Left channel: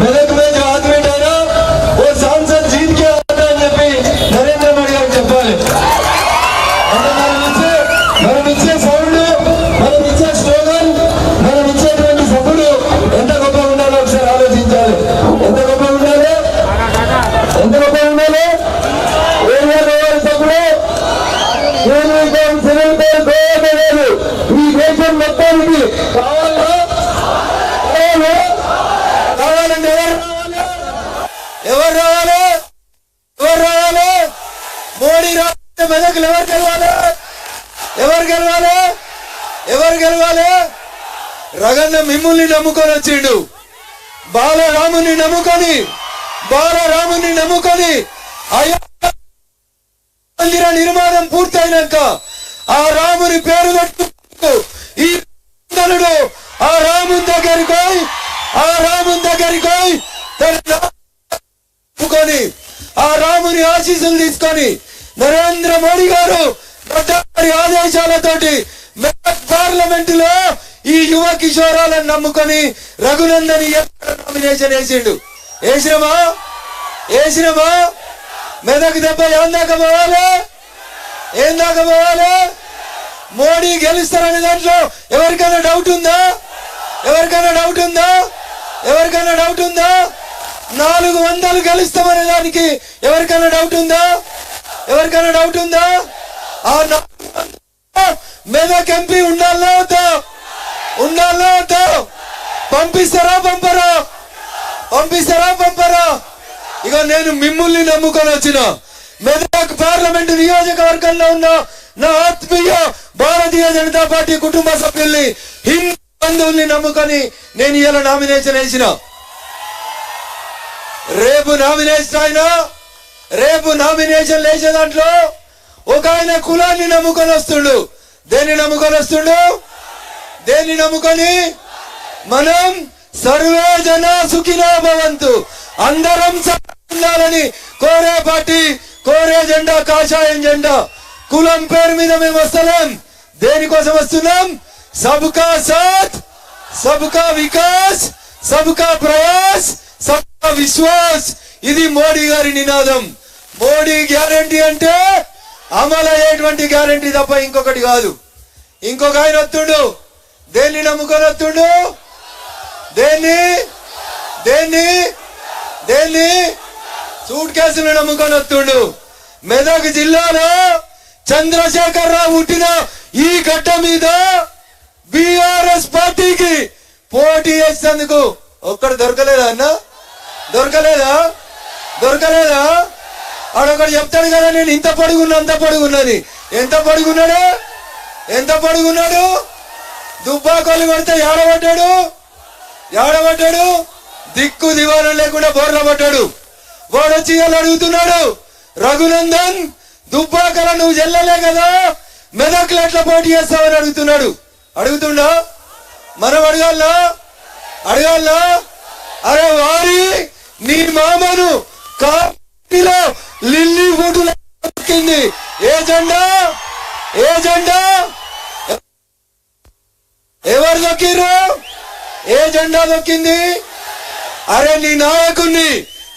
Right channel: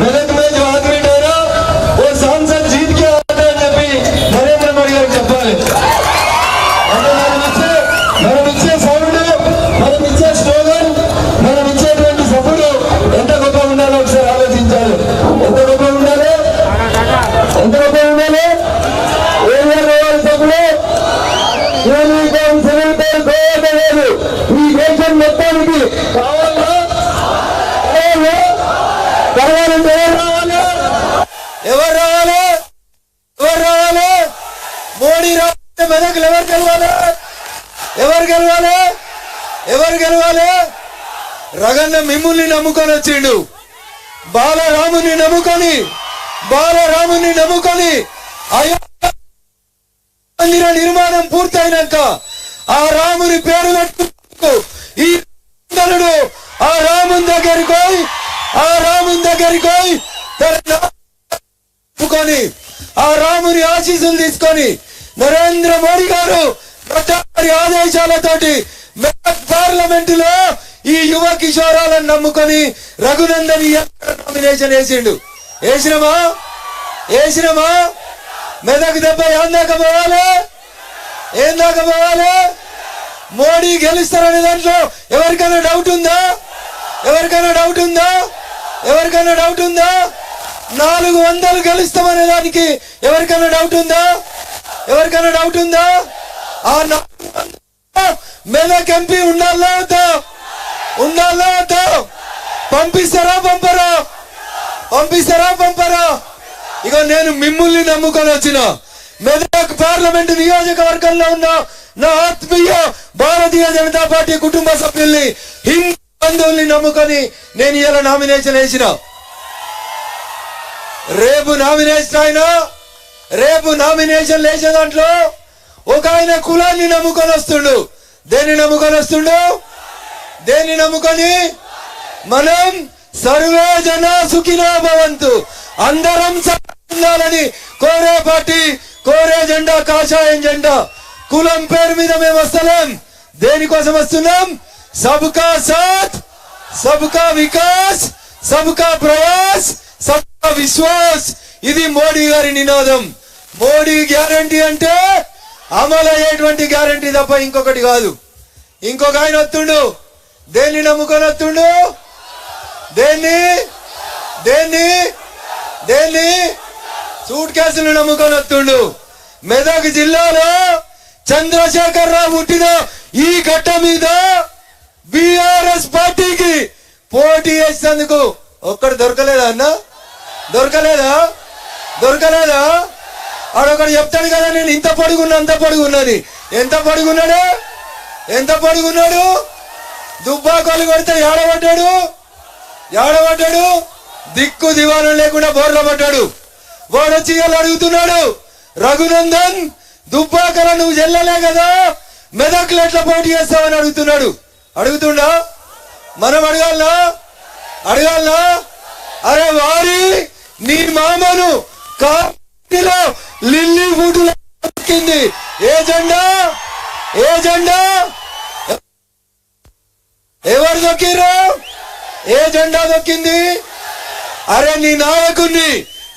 मेरठ में जो आदमी डरा वो सांसद जीत के आता అని చెప్పి నరేంద్ర మోడీ గారు చెప్పాలి. మనం ఇచ్చే సౌండ్, మనం ఇచ్చే స్లోగన్, మనం ఇచ్చేటువంటి సభలు ఎంత గొప్ప ఉండాలో ఒకసారి ఆలోచించాలి. ఎంత గొప్ప ఉండాలి, ఎంత గొప్ప ఉండాలి. ఏరియా సభలు ఈ దేశం మొత్తానికి కావాలంటే ఎవరు రావాలి? ఎవరు రావాలి? మోడీ రావాలి. మెదకులు ఎవరు గెలవాలి? ఎవరు గెలవాలి? ఎవరు గెలవాలి? రగన్న మిమ్ముల్ని నమ్ముకొని వచ్చిండు. బాలరాముని నమ్ముకొని అయోధ్య మందిర నిర్మాణం పూర్తయినాక ఆ రాముని పేరు పెట్టుకు ఈ ఆ రాముని దగ్గరికి పోయి ఆ రాముని ఆశీస్సులు తీసుకొని నరేంద్ర మోడీ గారు ప్రధాని ఆదేశాలతోటి పార్లమెంట్ లో ఈ యువ కిషోరాలను నమ్ముకొని రఘునందన్ నామినేషన్ వేసిండు. వేసినమా మెదక్ దెబ్బ ఏం దాకా పోవాలి? మోడీ గెలుస్తారనే దాంట్లో ఎవరికైనా డౌట్ ఉందా? 400 గెలుస్తామనే దానికి ఎవరికైనా డౌట్ ఉందా? ఆ మెదక్ ఎంపీ ఉండాలా వద్దా? పంపిస్తారా పంపరా? ఇక నేను మిమ్మల్ని నమ్ముకొని వచ్చిన మెదక్ పార్లమెంట్ నియోజకవర్గంలో ఉన్న నా ఆత్మీయ భారతీయ జనతా పార్టీ కుటుంబ సభ్యుల్ని, హిందూ బంధువుల్ని నమ్ముకొని నేను ఇలా నామినేషన్ వేసిన. రేపు నామినేషన్ వేసే దాంట్లో ఒక ఆయన కులాన్ని నమ్ముకొని వస్తుండు. దేన్ని నమ్ముకొని మనం సర్వే జన సుఖినో భవంతు, అందరం ఉండాలని కోరే పార్టీ, కోరే జెండా కాషాయం జెండా. కులం పేరు మీద మేము వస్తలేం. దేనికోసం వస్తున్నాం? సబ్కా సాత్, సబ్కా వికాస్, సబ్కా ప్రయాస్, సబ్కా విశ్వాస్. ఇది మోడీ గారి నినాదం. మోడీ గ్యారంటీ అంటే అమలు అయ్యేటువంటి గ్యారంటీ తప్ప ఇంకొకటి కాదు. ఇంకొక ఆయన వస్తుండు. దేన్ని నమ్ముకొని వస్తుండు? దేన్ని సూట్ కేసులు నమ్ముకొని వస్తుండు. మెదక్ జిల్లాలో చంద్రశేఖర్ రావు పుట్టిన ఈ గడ్డ మీద బిఆర్ఎస్ పార్టీకి పోటీ చేసేందుకు ఒక్కడు దొరకలేదా అన్న? దొరకలేదా? ఆడొకడు చెప్తాడు కదా, నేను ఇంత పొడుగున్నది. ఎంత పొడుగున్నాడు? దుబ్బాకోలు కొడితే ఏడబడ్డాడు. దిక్కు దివానం లేకుండా బోర్ల పడ్డాడు. వాడొచ్చి అడుగుతున్నాడు, రఘునందన్ దుబ్బాకల నువ్వు చెల్లలే కదా, మెదక్లు ఎట్లా పోటీ చేస్తావని అడుగుతుండా? మనం అడగాలనా? అరే వారి నీ మామను కాకిలో లిల్లీ ఫుడ్లో దొక్కింది. ఏ జెండా? ఎవరు దొక్కిర్రు? ఏ జెండా దొక్కింది? అరే నీ నాయకుణ్ణి,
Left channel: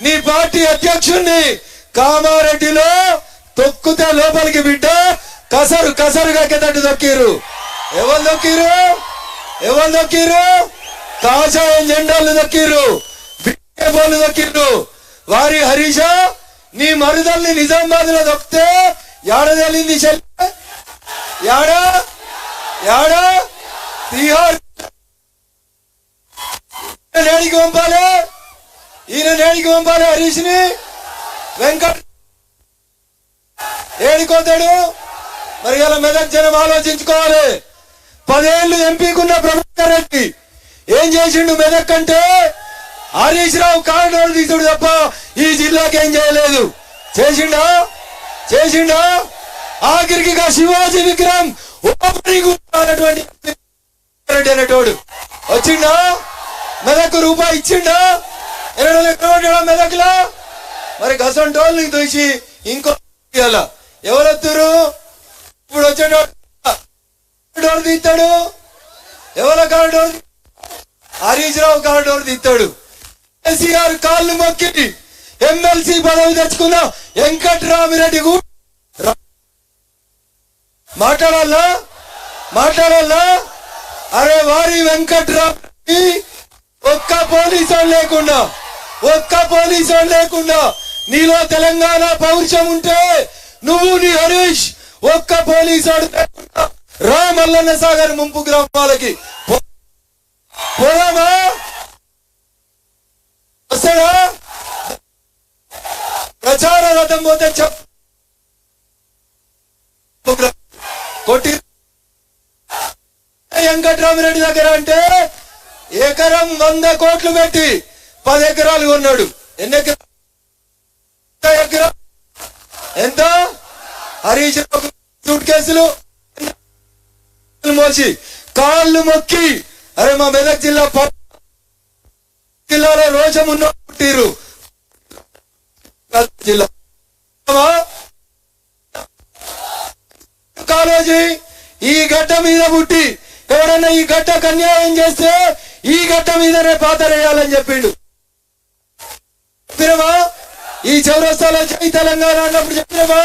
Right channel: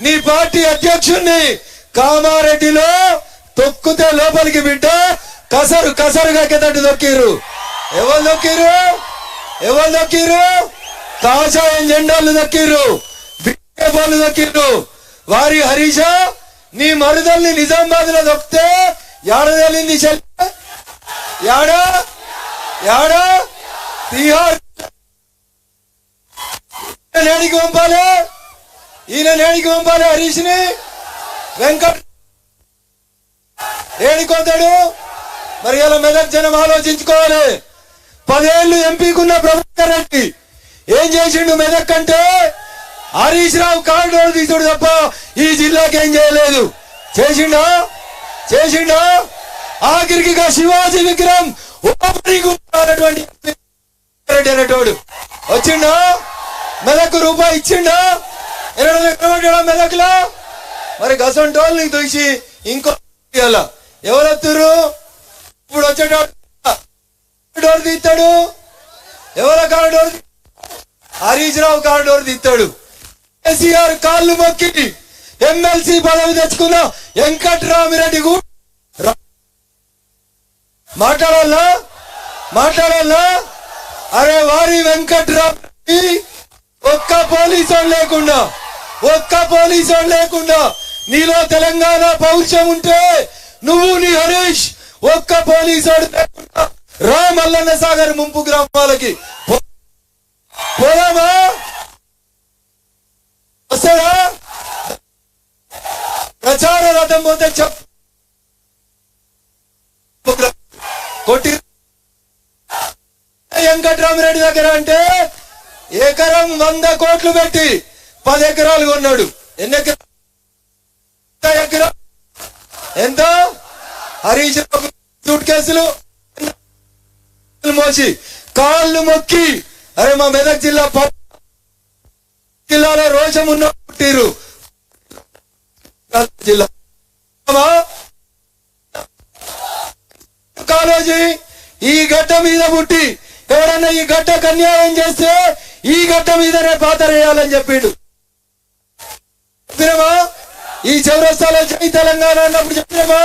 నీ పార్టీ అధ్యక్షుణ్ణి కామారెడ్డిలో తొక్కితే లోపలికి బిడ్డ కసరుగా కిందటి దొక్కిర్రు. ఎవరు దొక్కిర్రు? కాషాయం జెండాలు దొక్కిర్రు, బిడ్డలు దొక్కిర్రు. వారి హరీష నీ మరుదల్ని నిజామాబాద్ లో దొక్కితే ఏడదలింది యాడా తిహార్ నేడికి పంపాలి. ఈయన నేడికి పంపాలి హరీష్ ని. వెంకట్ ఏడికొతాడు మరి? ఇలా మెదక్ జనం ఆలోచించుకోవాలి. 10 ఏళ్లు ఎంపీకున్న ప్రభాకర్ రెడ్డి ఏం చేసిండు మెదక్ అంటే? హరీష్ రావు కారిడోర్ తీసుడు తప్ప ఈ జిల్లాకి ఏం చేయలేదు. చేసిండా? ఆఖరికి శివాజీ విగ్రహం ఓపెనింగ్ అనేటోడు వచ్చిండా? మెదక్ రూపాయి ఇచ్చిండా? 20 ఎకరాలు మెదక్ లో. మరి గసంటోళ్ళని చూసి ఇంకో ఎవరు వస్తురు? ఇప్పుడు వచ్చేటోడు తీస్తాడు. ఎవరో కారిడోర్? హరీష్ రావు కారిడోర్ తీస్తాడు. కేసీఆర్ కాళ్ళు మొక్కి ఎమ్మెల్సీ పదవి తెచ్చుకున్న వెంకట్రామిరెడ్డి కూడా మాట్లాడాలా అరే వారి వెంకట్రామిరెడ్డి ఒక్క పోలీసు లేకుండా నీలో తెలంగాణ పౌరుషం ఉంటే నువ్వు నీ హరీష్ ఒక్క పోలీసు రా మల్లన్న సాగర్ ముంపు గ్రామాలకి పోదామా? వస్తారా? ప్రచార రథం పోతే కొట్టి వెంకట్రామిరెడ్డి దగ్గర అంటే ఎకరం 100 కోట్లు పెట్టి 10 ఎకరాలు కొన్నాడు. ఎన్ని ఎకరాలు ఎంత? హరీష్ సూట్ కేసులు మోసి కాళ్ళు మొక్కి అరే మా మెదక్ జిల్లాలో రోషం ఉన్న పుట్టిరు జిల్లా కాలేజీ ఈ గడ్డ మీద పుట్టి ఎవరన్నా ఈ గడ్డకు అన్యాయం చేస్తే ఈ గడ్డ మీదనే పాతరేయాలని చెప్పిండు. చెప్పినమా? ఈ చౌరస్తాలో జై తెలంగాణ అన్నప్పుడు చెప్పినమా?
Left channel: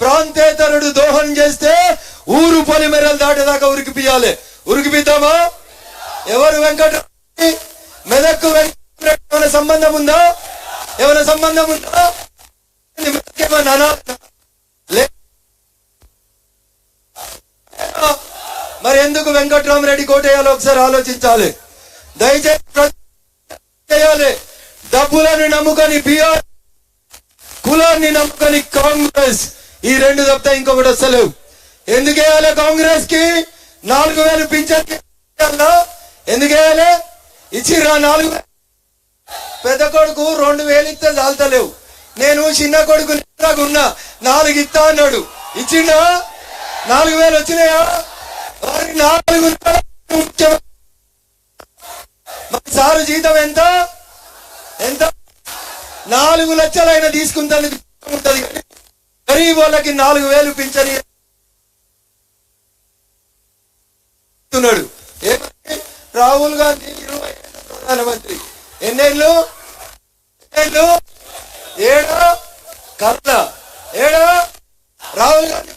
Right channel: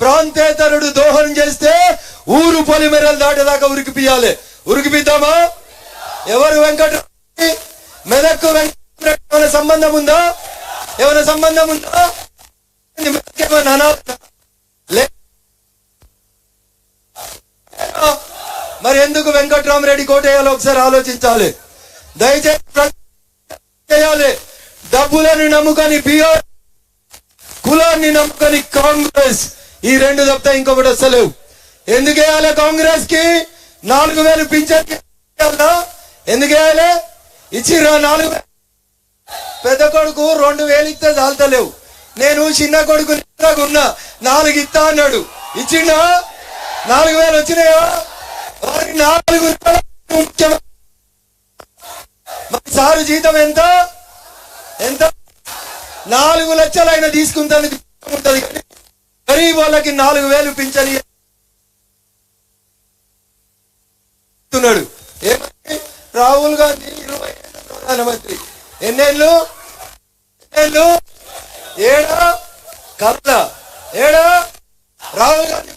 ప్రాంతేతరుడు దోహం చేస్తే ఊరు పొలిమేరలు దాటేదాకా ఉరికిపియాలి. ఉరికిపిద్దామా? ఎవరు వెంకట్రామిరెడ్డి? మెదక్కు ఏమైనా సంబంధం ఉందా? మరి ఎందుకు వెంకట్రామిరెడ్డి కోటేయాలో ఒకసారి ఆలోచించాలి. దయచేసి డబ్బులని నమ్ముకొని బీఆర్, కులాన్ని నమ్ముకొని కాంగ్రెస్, ఈ రెండు తప్పితే ఇంకొకటి వస్తలేవు. ఎందుకు వేయాలి కాంగ్రెస్ కి? 4,000 పింఛన్ ఎందుకు వేయాలి? ఇచ్చిర్రా 4,000. పెద్ద కొడుకు 2,000 ఇస్తే చాలతలేవు. నేను చిన్న కొడుకు ఉన్నా 4 ఇస్తా అన్నాడు. ఇచ్చిండా? 4,000 వచ్చినాయా? 4 సారు జీతం ఎంత? 4 లక్షలు ఆయన తీసుకుంటాను ఉంటది. గరీబ్ వాళ్ళకి 4,000 పింఛన్ ఇస్తున్నాడు. రాహుల్ గాంధీ 20 ఏళ్ళ ప్రధానమంత్రి. ఎన్నేళ్ళు? ఏడా కళ్ళ ఏడా? రాహుల్ గాంధీ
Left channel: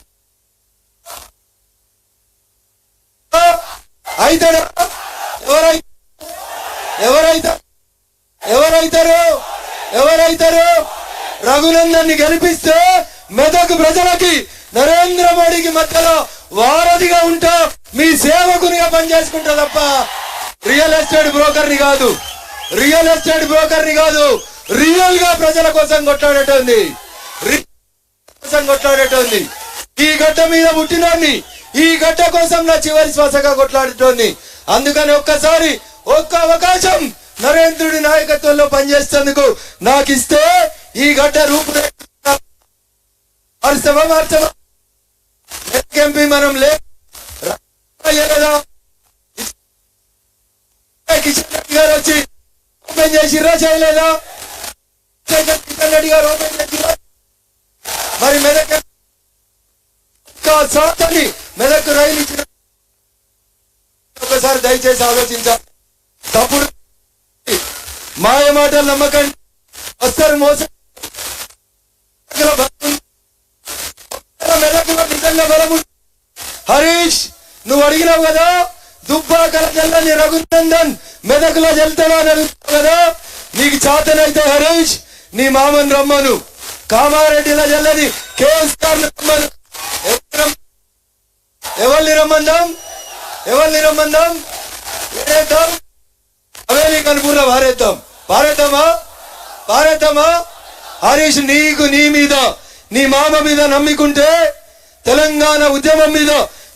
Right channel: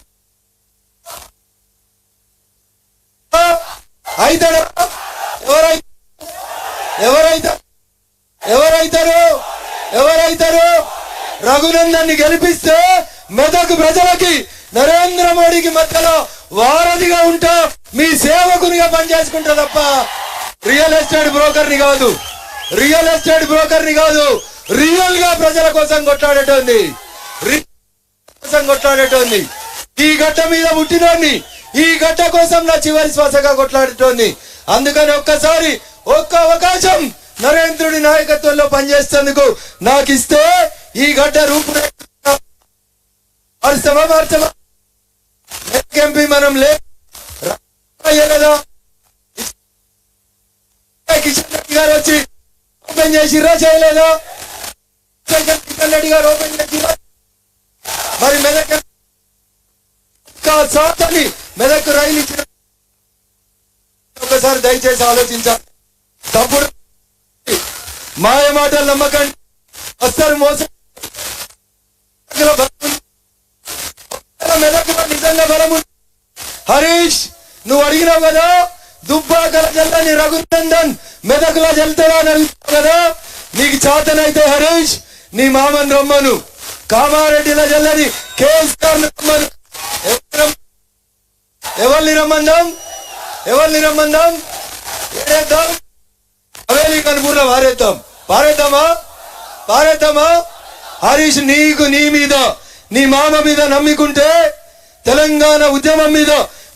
అయితాడా? ఎవరైతారు? రఘునందన్ ని గెలిపిస్తే మెదక్ ప్రజలకి నరేంద్ర మోడీకి మధ్యలో వారధిగా ఉంటా, మీ సేవకునిగా పనిచేసుకుంటా తప్ప రియల్ ఎస్టేట్ బ్రోకర్ని కాదు. రియల్ గా ప్రజల కోసం కొట్లాడేటోంది. ఈ గడ్డ మీద పుట్టినోడిని, ఈ గడ్డ కోసం నా చివరి శ్వాసగా కొట్లాడేటోంది. అందుకని ఒక్క అవకాశం నరేంద్రుడి నాయకత్వంలో పనిచేసేందుకు నాకు ఇస్తే ఈ గడ్డ రూపురేఖ మార్చమా? ఎంపీ మనం లేదా కిషన్ రెడ్డి గారు వచ్చి ఓపెన్ చేసిర్రా చేయలేదా? కిషన్ రెడ్డి గారు ఓపెన్ చేసిర్రా? మరి మెదక్ రైలు ఇచ్చిన ఒకసారి దయచేసి ఆలోచించాలి. తప్పుడు మాయ మాటలు నమ్మకండి, వస్తారు మోసం. మెదక్లో నిజంగా బలం. హరీష్ నువ్వు అడిగినావు కదా, దుబ్బాకల జల్లని రఘునందన్ మెదక్లో జల్తాడా అని అడుగుతావు కదా. నీకు చాతనైతే హరీష్ నీ మామని రమ్మను. కామారెడ్డిలో జల్లని కేసీఆర్ రమ్మను. ఎవరిని రమ్మందాం? ఏడేద్దాం? అవేలి కనుపూర్లో పారేద్దామా? హరీష్ నీకు, నీ మీద, నీ మామ మీద నమ్మికుంటే, తెలంగాణ ఉద్యమం మీద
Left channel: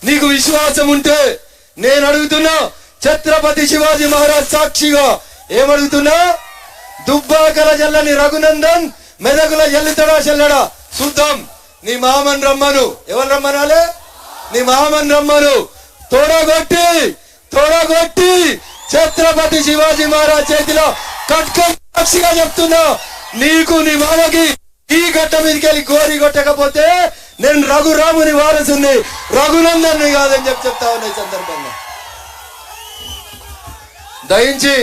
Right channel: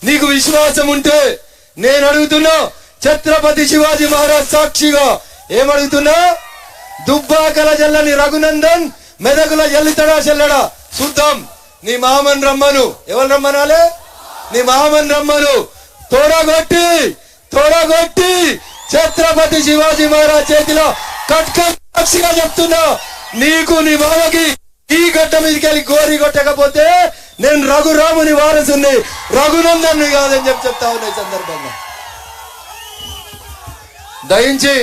నీకు విశ్వాసం ఉంటే, నేను అడుగుతున్నా ఛత్రపతి శివాజీ మహారాజ్ సాక్షిగా ఏమడుగుతున్నా? దుబ్బాకల జల్లని రఘునందన్ మెదకుల జల్లుతాడా చెల్లడా చూద్దాం. నీ మామని రమ్మను. ఎవరు రమ్మనాలే? నీ మామని రమ్మను. తోడగొట్టి ఛత్రపతి శివాజీ మహారాజ్ చేతిలో కట్కం సాక్షిగా చెప్తున్నా, నీకు నీ మామకి ఈ గట్ట మీదకి వెళ్ళి గోరి కొట్టకపోతే నేను రఘురాముని వారసుని, రఘునందన్ కాదని చెప్తా ఉన్నా. ఈ సందర్భంగా దయించి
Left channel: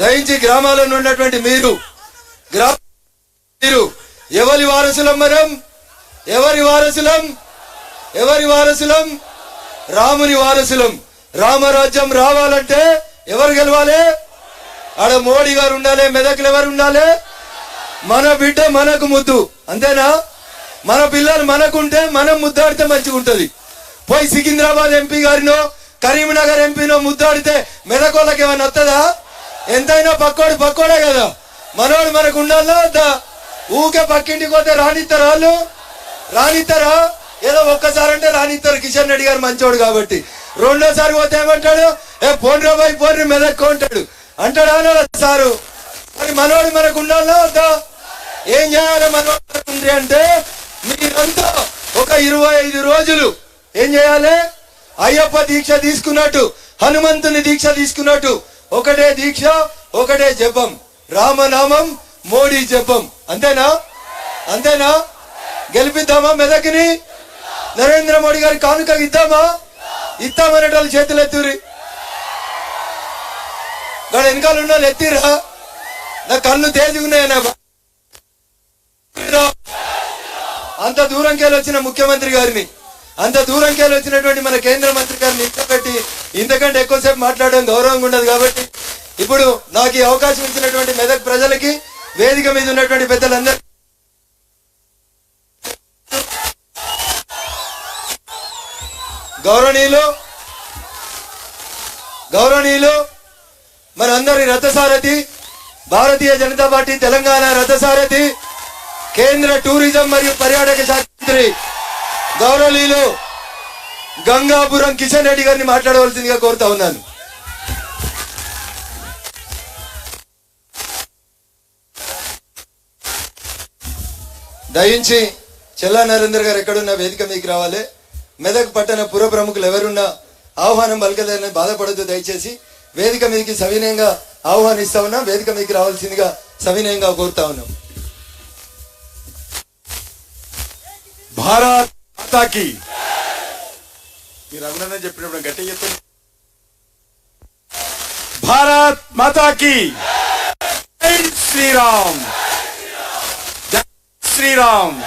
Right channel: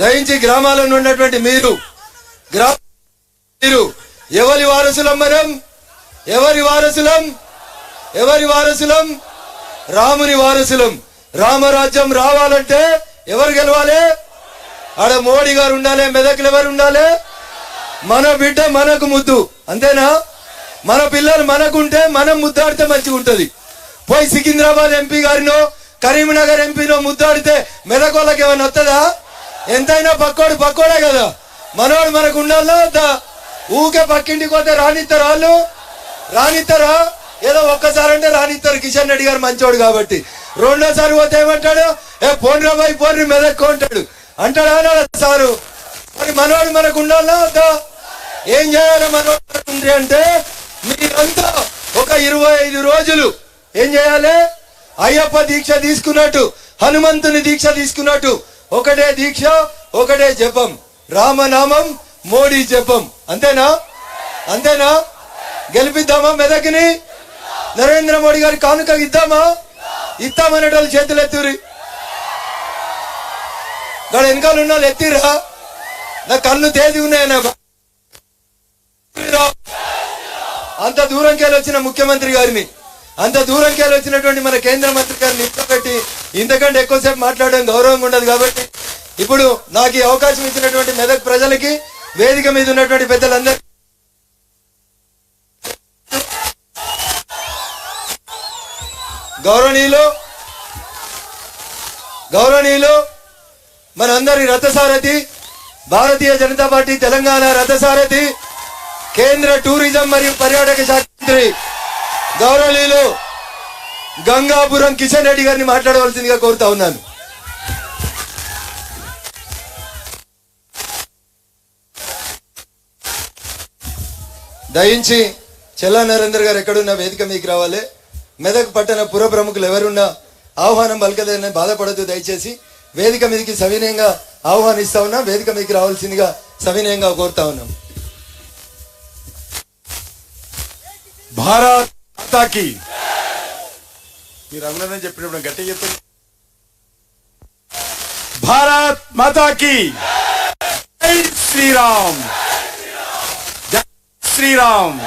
దయించి గ్రామాలలో ఉన్నటువంటి మీరు ఎవరి వారసులం? మనం ఎవరి వారసులం? ఎవరి వారసులం? రాముని వారసులం. రామరాజ్యం రావాలంటే ఎవరు గెలవాలి? ఆడ మోడీ గారు ఉండాలి, మెదక్లు ఎవరు ఉండాలి? మన బిడ్డ మనకు ముద్దు, అంతేనా? మన పిల్లలు మనకుంటే మనం ముద్దాడితే మంచిగా ఉంటది. పోయి సికింద్రాబాద్ ఎంపీ గారినో కరీంనగర్ ఎంపీనో ముద్దాడితే మెదక్ వాళ్ళకి ఏమైనా వస్తుందా? ఎంతైనా పక్కోడే కదా. మనోడు మనకు ఉండాలా వద్దా? ఊకే పక్కింటికి పోతే రానిస్తారా? వాళ్ళు రానిస్తారా? ఏదో ఒక్కసారి అంటే రానిస్తారు, కిషన్ రెడ్డి గారు మంచోడు కాబట్టి. రెండోసారి పోతే ఏమంటాడు? పోన్రా బాయ్ పోన్రి మెదక్కు అంటాడు. అంటాడా సారు? మరి మనోడు మనకు ఉండాలా వద్దా? ఏం చేయాలి మనోడు అంటే మీరంతా ఒక 25 రోజులు ఏం చేయాలి? అయ్యప్ప దీక్ష తీసుకున్నట్టు, హనుమంతుని దీక్ష తీసుకున్నట్టు ఒకటే దీక్ష, ఒకటే జపం, రామనామం, మోడీ జపం. అంతేనా? అంతేనా? గెలిపిద్దామా మెదక్ని? నరేంద్ర మోడీ గారి కానుక ఇద్దామా? ఇస్తామనేటోళ్ళు చేతులు ఎత్తురి. గాడ వెనకాల ఉన్న వాళ్ళు ఎత్తిరా? నా కళ్ళు తేది ఉన్నాయన్నా. అంత దూరంకెళ్ళి వచ్చిన ముఖ్యమంత్రి గారిని, అంత దూరంకెళ్ళి వచ్చినటువంటి మన కేంద్ర మంత్రి గారిని పెట్టి ఇంతకంటే ఎక్కువసేపు మాట్లాడడం గౌరవంగా ఉండదు. కాబట్టి ఇప్పుడు నాకు ఈ అవకాశం ఇచ్చినటువంటి మెదక్ ప్రజలకి, వేదిక మీద ఉన్నటువంటి పెద్దలందరూ గౌరవనీయులు మనందరి రథసారథి, భారతీయ జనతా పార్టీ తెలంగాణ రథసారథి, కేంద్ర టూరిజం మరియు పర్యాటక శాఖ మంత్రి గౌరవనీయులు గంగాపురం కిషన్ రెడ్డి గారిని మాట్లాడవలసిందిగా కోరుతా ఉన్నాను. దయించి చెల్లా నరేందర్ గారు ఎక్కడున్నా వేదిక మీకు రావాలి. మెదక్ పట్టణ పుర ప్రముఖులు ఎవరున్నా ఆహ్వానం పలకదని బాధపడద్దు. దయచేసి వేదిక మీదకి సవినయంగా ఆహ్వానిస్తా ఉన్నా. వేదిక మీకు రావాల్సిందిగా సవినయంగా కోరుతా ఉన్నాం. భారత్ మాతాకి మీరు అందరూ చెప్పినప్పుడు గట్టిగా చెప్తారు. భారత్ మాతాకి జై శ్రీరామ్, జై శ్రీరామ్.